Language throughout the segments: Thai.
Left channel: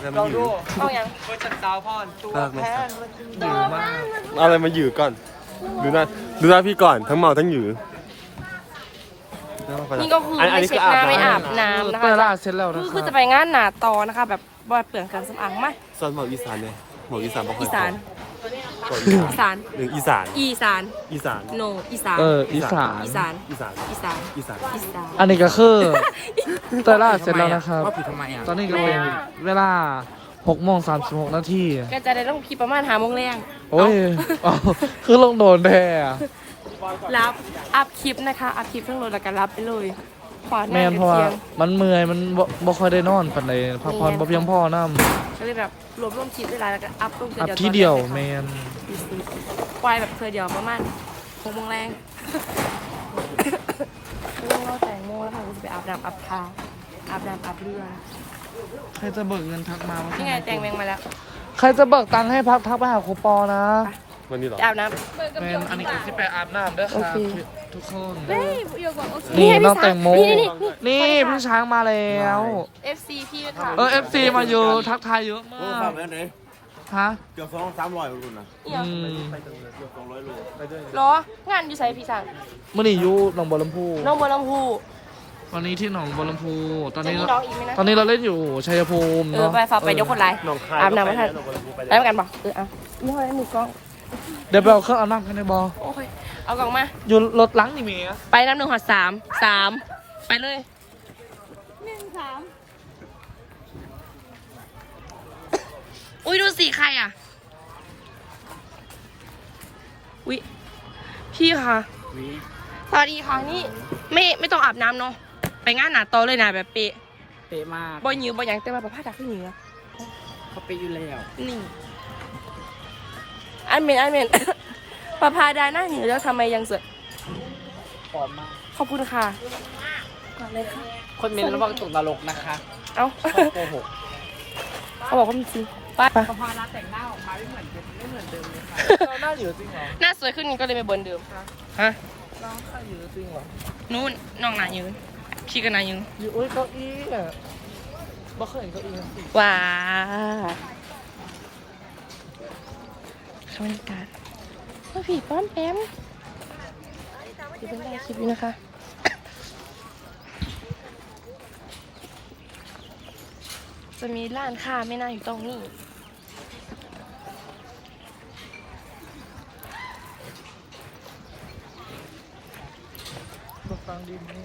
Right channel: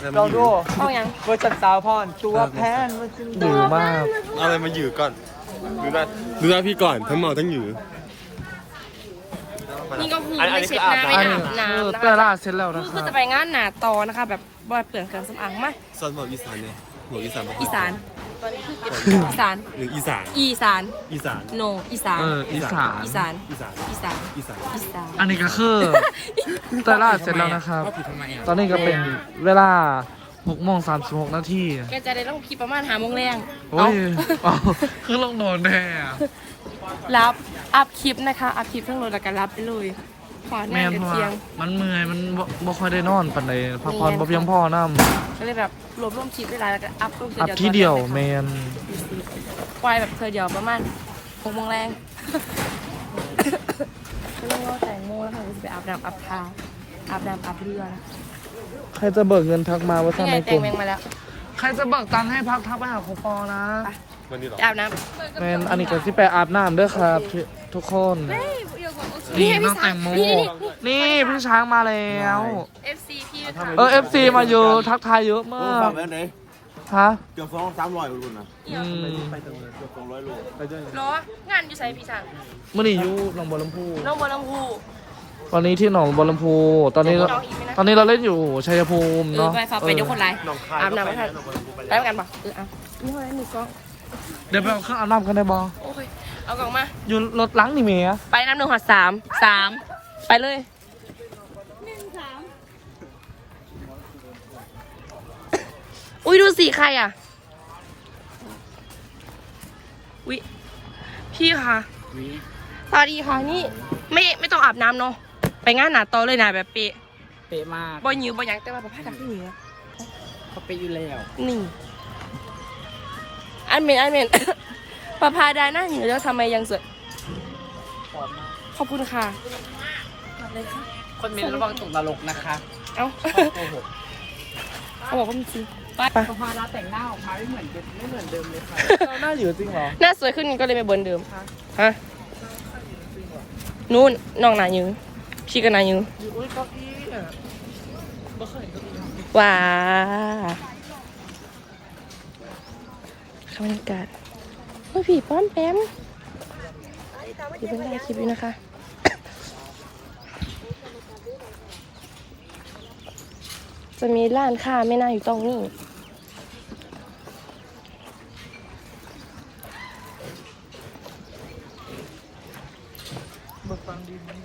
แล้วมันเราหดูยือเวอร์จัดสาวพรตัวมากเลยแพครับงหรือมาก เอาอะไรมาหยือก่อน ดูหน้าดูหน้าพี่ก่อนทั้งเมาทั้งหยือนี่ก็คือไม่เช็คหน้าไม่อันอานี้บคือน้ำนะเตอคะร์ล่าเสร็จแล้วนะคคือรับจะไปงานหนาตอนะคะ แบบบอดเปลืองเครื่องสำอางมาสันหมออีสานเนี่ยหมออีสานปะอีสาน อีสาน หรืออีสาน อีสาน อีสาน โน อีสาน เอออีสาน อีสาน อีสาน อีสาน อีสานอีสาน อันนี้ก็คือเตอร์ล่าเสร็จแล้วนะครับ ว่าผิดทำไมอะตอนนี้ก็เป็นเวลา6โมง36นาทีก็จะได้ลงคลิปประมาณหาโมงแรงโอ้ยเอาคือลงโดนแพ้อะรับ อัพคลิปนะคะ อัพคลิปทั้งรถแล้วก็รับไปเลย ขวานแม่นเพราะว่าเทียงมันเมื่อยมันบ่บ่ค่อยได้นอนปานใดพักผ่อนบ่เพียงพอนํก็เลยแบบรวบรวมคลิปได้หลายแล้วก็อัพลงอัพที่เดียวแมนควายแบบเธอเดียวประมาณหกโมงแรงก็ต้องรอแต่งโมงแล้วค่ะก็จะไปอาบน้ำอาบทาอาบน้ำอาบเรือนะใครจะเบิกเงินทักมาว่านี่ไงแต่งแมงมาแล้วใครจะเบิกตังค์ให้พักทักไปหาครูปอนะวันนี้เหรอจะอาบน้แมนอันนี้ก็สิไปอาบน้ำเด้วยครับทุทุกคนำ นี่น้องแตงโม นี่พี่ช้างมาแล้ว FC พี่ค่ะเออ FC มาเยอะทักทายเยอะมาโอ้กขับไปไหนฮะเกือบสองสามร้อยรุ่นนะอืมเกือบสองร้อยโลรองานอยู่ไสพี่สังเมื่อนี้อยู่หนองบัวลำพูน้องบัวลำพูตอนนี้ที่หนองบัวลำพู ตอนนี้เราตอนนี้เราเล่นอยู่ชัยภูมิเออเนาะไปฝากไปยกคนเออไรอาบน้ำไม่ทันน้ำกันบอกเออเอานี่อะไรมือกล้องเดี๋ยวเราเครื่องอาบน้ำกันในบอโอ้ย เอากล่องมา อยู่รถหล้างนี่เมียไปน้ำหนึ่งหอดสามสามไปเลยหนึ่งสามอุ้ยดูสิใครอะวิพี่คะสวัสดีค่ะนี่ไม่ไม่ต้องอาบน้ำเนาะไปงานหนาโตอเลยนะแบบเป๊ะเป๊ะมากบอยยืบอยยังแต่ว่าแบบผ้าตาขึ้นเหนือเขาเป๊ะอยู่แล้วนี่อันเมนอันเมน ประพาดาหน้าเหนือแล้วทำไมยังสวย ขอบคุณค่ะมาเลยค่ะคนมีระวังตกนรกนะคะเอ้าโกหกเขาบอกว่ามีจริงป้ามันพอร้านแต่งหน้าออกมาไม่เหมือนเดิมไม่เหมือนเดิมเลยค่ะหน้าอยู่จริงเหรอ หน้าสวยขึ้นก็เลยไปเบิร์นเดิมค่ะ ฮะนู่นน้องหนายืนพี่ก็หนายืนอุ้ยเก้าอี้อะบ่เคยเก้าอี้ว้าบรรยากาศ โอ้ยผีป้อมแปมเดี๋ยวไปถ่ายคลิปด้วยนะคะจะมีร้านค้าไม่น่าอยู่ตรงนี้บ่ฟังดีมั้ย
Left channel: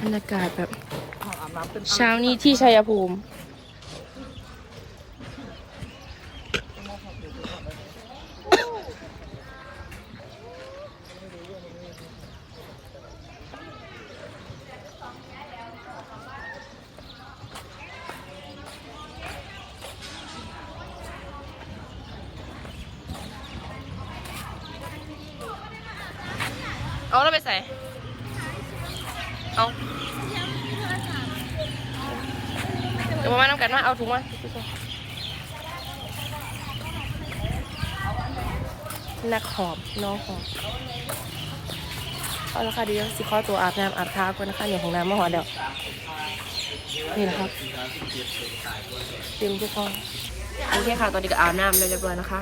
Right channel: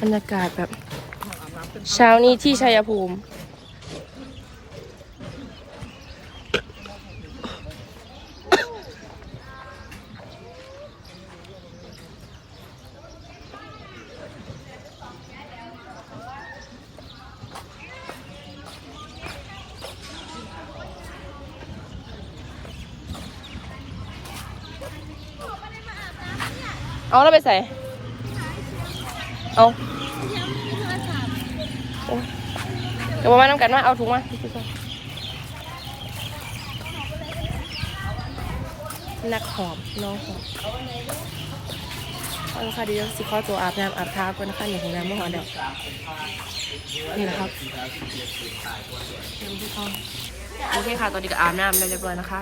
บรรยากาศแบบ เช้านี้ที่ชัยภูมิเอาแล้วไปใส่เอาโอ้ยเดี๋ยวมาน้ำกันมาเอาถุงมานักหอบน้องหอบเอาละค่ะเดี๋ยวสิขอตัวอาบน้ำอาบท้าก่อนนะคะเนี่ยของน้ำมาหอเดี๋ยวนี่นะครับเตรียมทุกคนโอเคค่ะ ตอนนี้ก็อาบน้ำเรียบร้อยนะคะ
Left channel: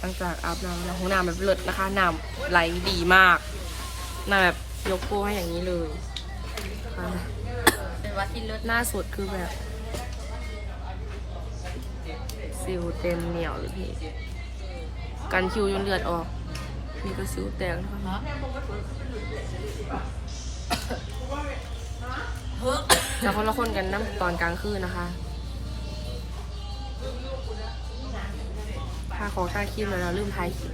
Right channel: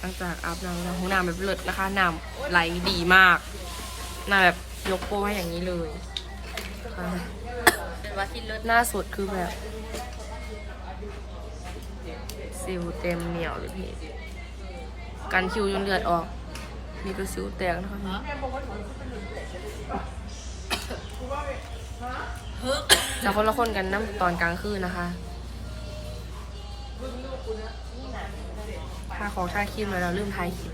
หลังจากอาบน้ำแล้วห้องน้ำแบบเลิศนะคะน้ำไหลดีมากน้ำแบบยกโป้ให้อย่างนี้เลยค่ะ หน้าสดคือแบบสิวเต็มเหนียวเลยพี่กันคิวจนเลือดออก นี่ก็สิวแตกนะคะแต่คนละคนกันน้ำตอนกลางคืนนะคะทาของทาครีมแล้วเราลืมทายคลิป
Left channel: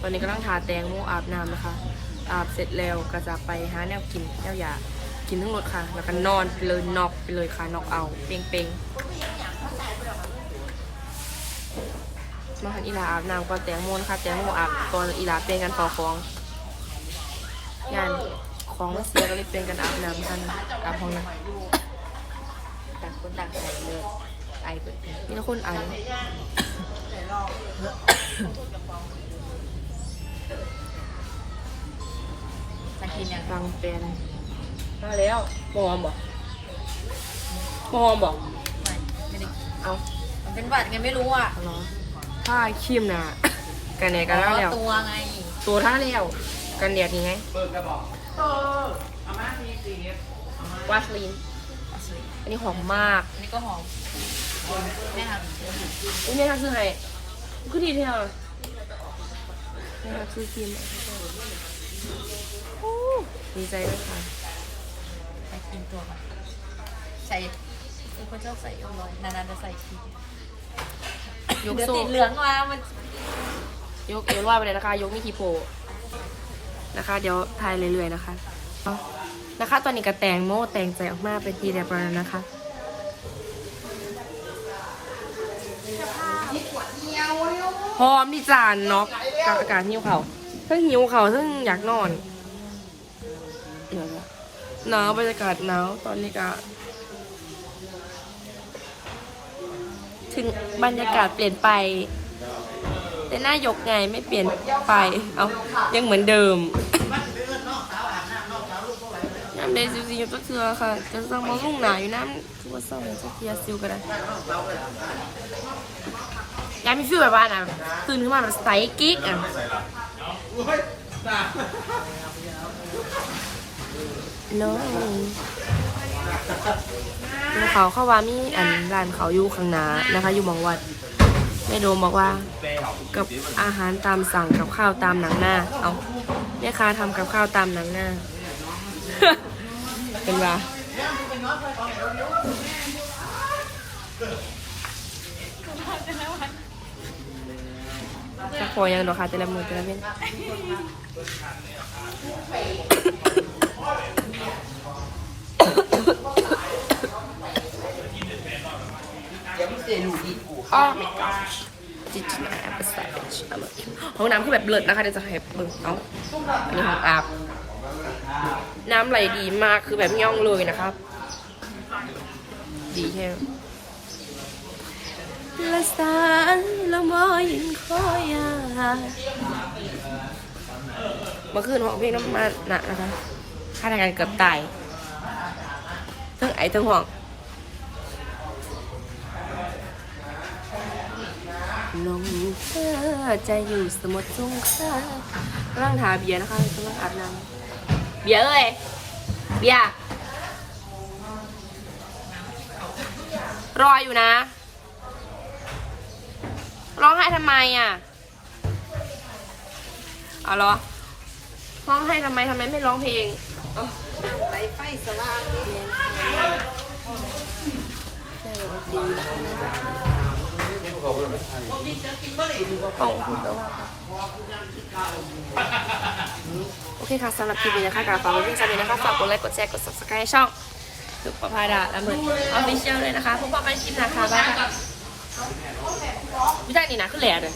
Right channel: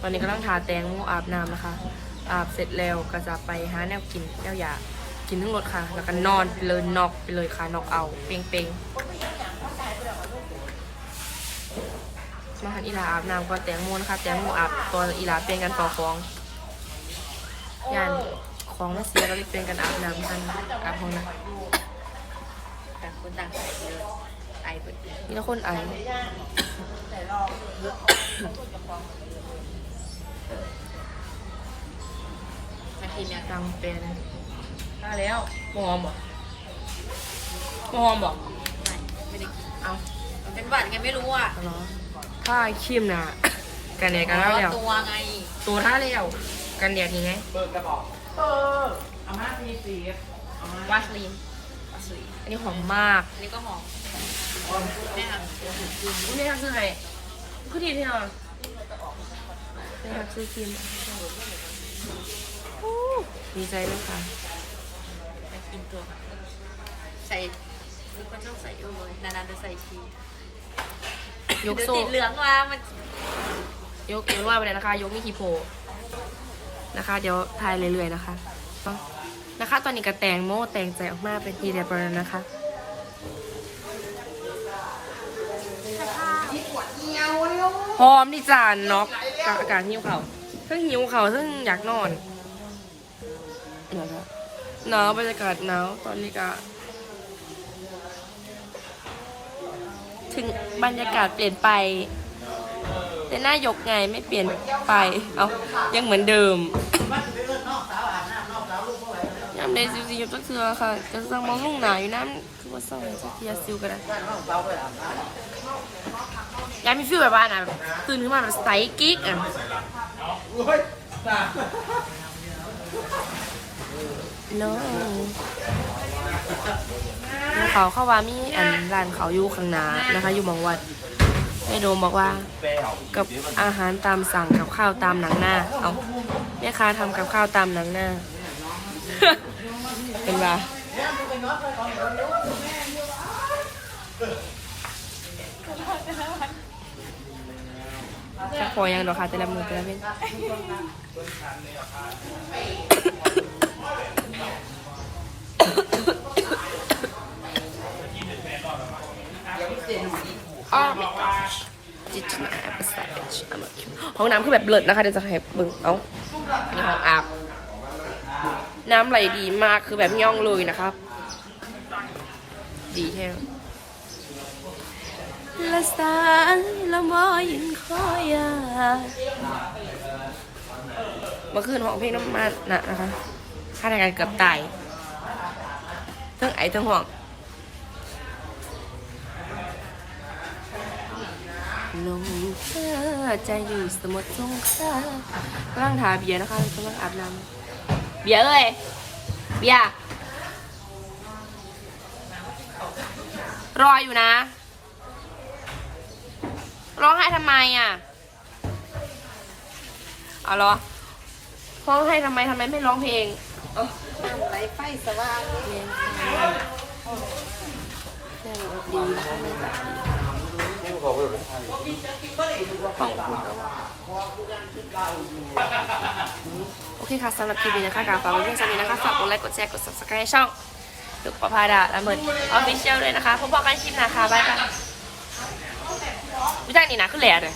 ตอนนี้ก็ต้องทาแตงโมอาบน้ำนะคะ อาบเสร็จแล้วก็จะไปหาแนวกินแนวอยากกินทั้งหมดค่ะ แล้วก็นอนไปเลยนอกไปเลยค่ะนอกเอาเปงเปงมาหันอีหลาอาบน้ำก่อนแตงโมนะคะแตงโมอาบตอนอีหลาเปลี่ยนกันต่อฟองย่านของมันเสียก็เลยเปลี่ยนกันอาบน้ำกันอาบห้องน้ำแต่คนต่างใส่เลยไอเปิดมีแต่คนไอ กินอย่างตังเป็นมาแล้วบอมบอกบอมบอกเอามันเป็นหวัดกันไม่รู้อะเอาเหรอถ้าครีมน่ะกันแดดกันแล้วแล้ว ตัวไงตัวท่าแล้วกันแดดนี่ไงวาสลีนอันนี้หอมมาก อันนี้ก็หอมแม่ทำอุ้ยเนี่ยทักซื้อไงคือดีที่เนาะเนี่ยทักซื้อครีมมาโอ้ ดีใจด้วยค่ะมากินตัวค่ะใส่เป็นคนชอบใส่เอวลอย นานๆจะใส่ทียกเดี๋ยวโซ่ติดเหลืองมามันยกเอวลอยไปเลยนะคะ ยกมีคีโพนะคะ เดี๋ยวทายเรื่อยๆนะคะเอานะคะ ตอนนี้ก็แต่งโม่แต่งใจออกมาเป็นทีเรียบร้อยแล้วนะคะพร้อมที่จานน็อกกับอากาศหิวเขาเพิ่งหิวเขาเพิ่งอยากนอนเดี๋ยวนะหนาวบรรยากาศหนาวตอนนี้ก็ถึงบรรยากาศเปลี่ยนไปเป็นหน้ายกไงไม่เปลี่ยนไปเอายังเหมือนเดิมน้ำเลยซิวซิวก็เถือค่ะจะสั่งมองลุ่งหนาอยู่น้ำคือว่าเศร้าเลยสักทีซิวก็ได้ยายมีฟิลแบบว่าน่ะตื่นขึ้นมาแบบใสกิ๊กอะ น้องเดี๋ยวเขาเข้าว่ามีอันร้านเขาอยู่ข้างหน้านะคะ อยู่หมองวัดแม่โดมบอกว่า กับอาหารตามสั่งกับข้าวตามหนังหน้า เอาแม่ค้าทำกับข้าวตามหนังหน้า เป็นว่า พอยังดอกค่ะแต่ละมือแต่ละเว้นอ๋อ my gosh จิตนาภาษาห้องน้ำคือแบบเลิศนะคะเดี๋ยวจะให้ดูเอ้าอันนี้ห้องอาบน้ำไหลดีมากคือแบบย่องเลยนะครับ ดีแท้ละสา อยินคอยาเมื่อคืนห้องเพลงน้ำมันนะนะคะค่าทางการเกือบตายทั้งไอทั้งห่วงลมเธอจะอยู่สมุทรสงครามกำลังทาเบียร์นะคะกำลังอาบน้ำเบียร์เลยเบียร์รออยู่นะ ร้องไห้ทำไมอะเอาเหรอร้องไห้ทำไมทำไมไม่ร้องเพลงไฟไฟสว่างโอเคค่ะสำหรับคลิปนี้นะคะกาฝากไว้เพียงเท่านี้นะคะฝากกดไลค์กดแชร์กด subscribe ช่องถึกประพาดาและเหมือนออฟฟิเชียลเลยนะคะพบกันคลิปหนะคะบ๊ายบาย ไม่ได้นี่นะคือแหล่เลย